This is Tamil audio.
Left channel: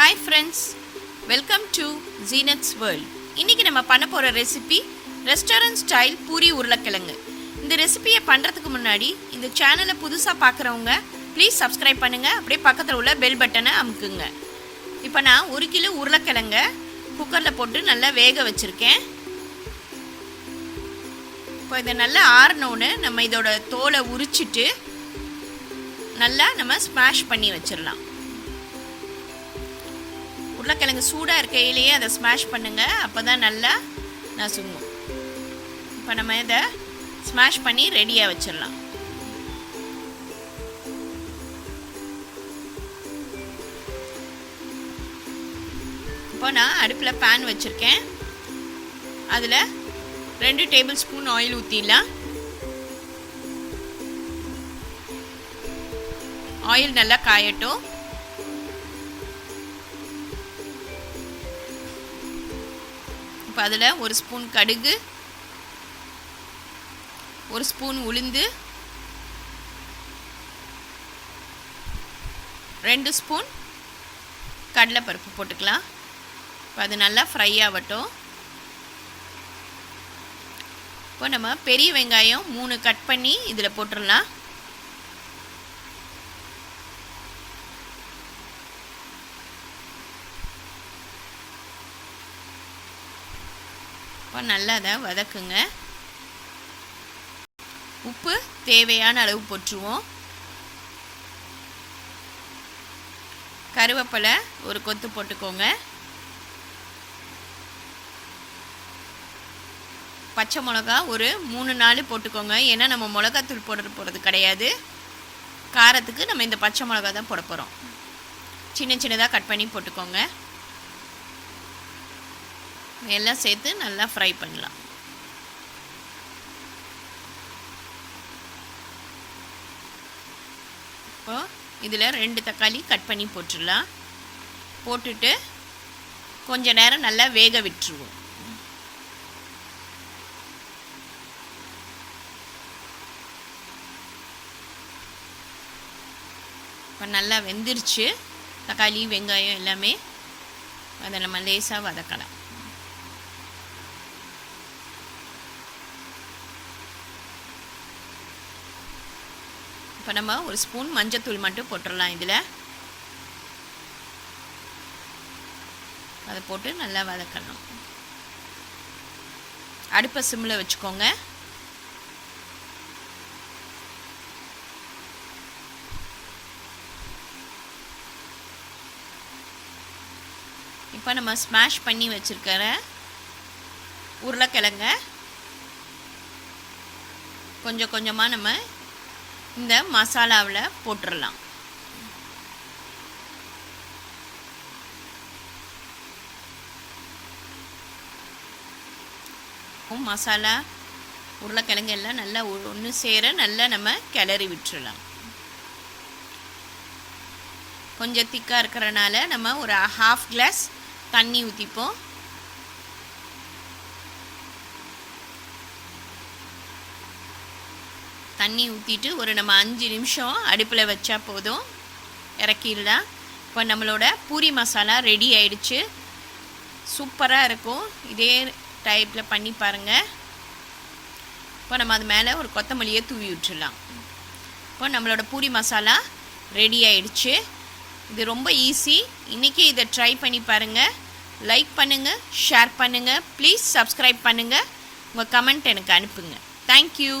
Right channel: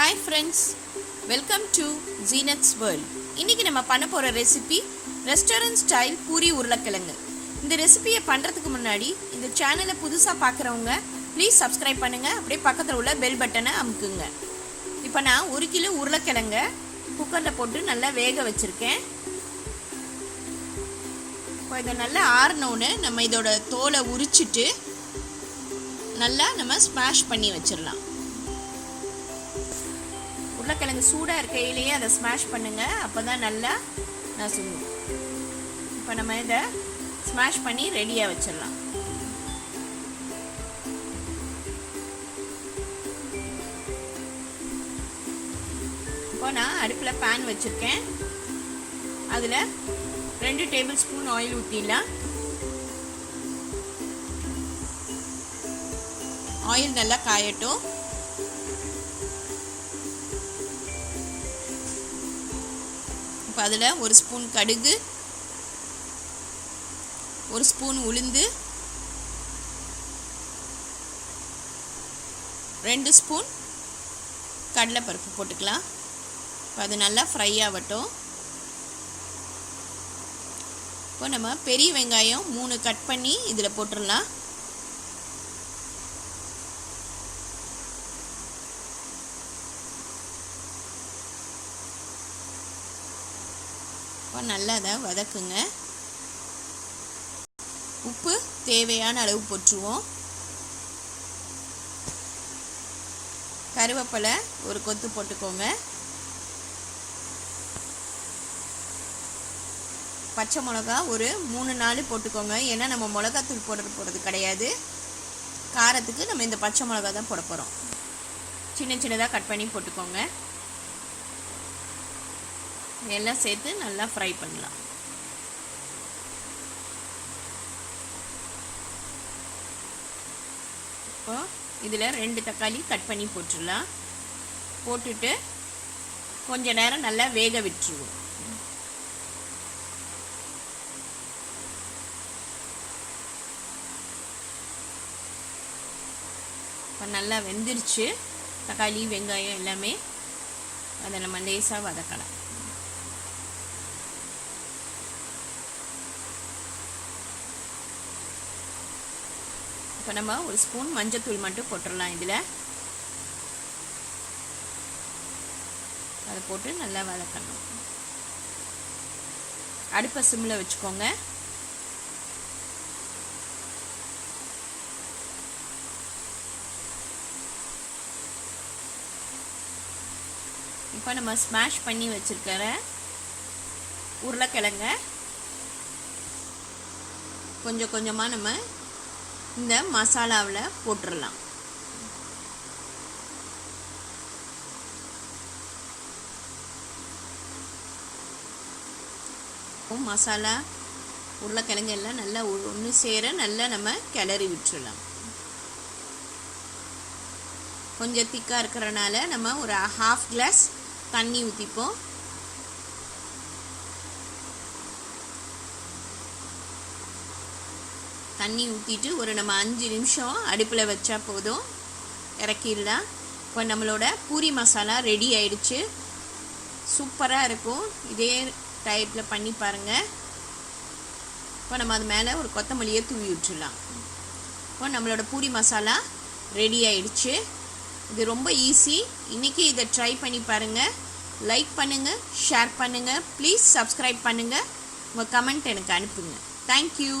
Hi friends, welcome to Zeenath's World. இன்னைக்கு நம்ம பண்ண போற ரெசிபி ரெஸ்டாரன்ட் ஸ்டைல் பூரி உருளைக்கிழங்கு. இந்த ரெசிபியை பண்றதுக்கு முன்னாடி இந்த சேனலை புதுசா பார்க்குறவங்க ப்ளீஸ் சப்ஸ்கிரைப் பண்ணுங்க. அப்படியே பக்கத்துல உள்ள பெல் பட்டனை அமுக்குங்க. இப்போ நான் 1 கிலோ உருளைக்கிழங்க குக்கர்ல போட்டு நல்லா வேக வச்சிருக்கேன். இப்போ இதை நல்லா ஆறனோன்னு நம்ம இதோட தோலை உரிச்சிட்டு நல்லா நம்ம ஸ்மாஷ் பண்ணி வச்சிடலாம். உருளைக்கிழங்கு சூடாக இருக்கையிலேயே அதை ஸ்மாஷ் பண்ணுங்கள், அப்போ தான் நல்லா நசுங்கும். இப்போ நம்ம இதை ஸ்மாஷ் பண்ணி ரெடியாக வச்சிடலாம். இப்போ நான் அடுப்பில் பேன் வச்சுருக்கேன். அதில் 2 டேபிள் ஸ்பூன் ஆயில் ஊற்றிடலாம். ஆயில் நல்லா காயட்டும். இப்போ அதில் 1 ஸ்பூன் கடுகு, 1 ஸ்பூன் உளுந்து, 2 ஸ்பூன் கடலைப்பருப்பு போட்டுக்கலாம். இப்போ அது நல்லா ஃப்ரை ஆகட்டும். இப்போ நம்ம பெரிய வெங்காயம் 3 கட் பண்ணி இதில் போட்டுடலாம். இப்போ நல்லா அதை வதக்குங்க. உப்பு தேவையான அளவு போட்டுருவோம். கருவேப்பிலை 1 கொத்து போட்டுக்கோங்க. பச்சை மிளகா ஒரு 3-4 போட்டுக்கோங்க. ஏன்னா நம்ம மிளகாத்தூள் போடுறது கிடையாது. காரத்துக்கு நம்ம இந்த பச்சை மிளகா தான் போட போகிறோம். சின்ன சின்னதாக கட் பண்ணி போட்டுக்கோங்க. எல்லாம் சேர்த்து நல்லா ஃப்ரை பண்ணலாம். இப்போ இதில் 2 தக்காளி கட் பண்ணி போட்டுடலாம். போட்டுட்டு கொஞ்ச நேரம் நல்லா வேக விட்டுருவோம். இப்போ நல்லா வெந்துருச்சு. தக்காளி வெங்காயம் எல்லாமே அதை நம்ம லேசாக வதக்கலாம். இப்போ நம்ம 1 ஸ்பூன் மஞ்சத்தூள் மட்டும் போட்டுடலாம். இதில் அதை போட்டு நல்லா வதக்கணும். அடுப்பை சிம்மில் வச்சுக்கோங்க. இப்போ நம்ம ஸ்மாஷ் பண்ணி வச்சுருக்கிற உருளைக்கிழங்க கொஞ்சம் கொஞ்சமாக நம்ம இந்த மசாலாவில் போட்டுடலாம். மசாலா உருளைக்கிழங்கு எல்லாம் நல்லா ஒன்று சேர நல்லா நம்ம கிளறி விட்டுடலாம். கொஞ்சம் திக்காக இருக்கிறனால நம்ம ஒரு 1/2 கிளாஸ் தண்ணி ஊற்றிப்போம். தண்ணி ஊற்றிட்டு ஒரு நம்ம 5 நிமிஷம் அடுப்பில் வச்சா போதும், இறக்கிடலாம். இப்போ நம்மளோட பூரி மசாலா ரெடி ஆயிடுச்சு. சூப்பராக இருக்கும். இதே டைப்பில் பண்ணி பாருங்கள். இப்போ நம்ம அது மேலே ஒரு கொத்தமல்லியை தூவி விட்டுடலாம். இப்போ நம்மளோட பூரி மசாலா ரெடி ஆயிடுச்சு. இது ரொம்ப ஈஸி. இன்றைக்கி இதை ட்ரை பண்ணி பாருங்கள். லைக் பண்ணுங்கள், ஷேர் பண்ணுங்கள், ப்ளீஸ் சப்ஸ்கிரைப் பண்ணுங்கள். உங்கள் கமெண்ட் எனக்கு அனுப்புங்க. தேங்க்யூ.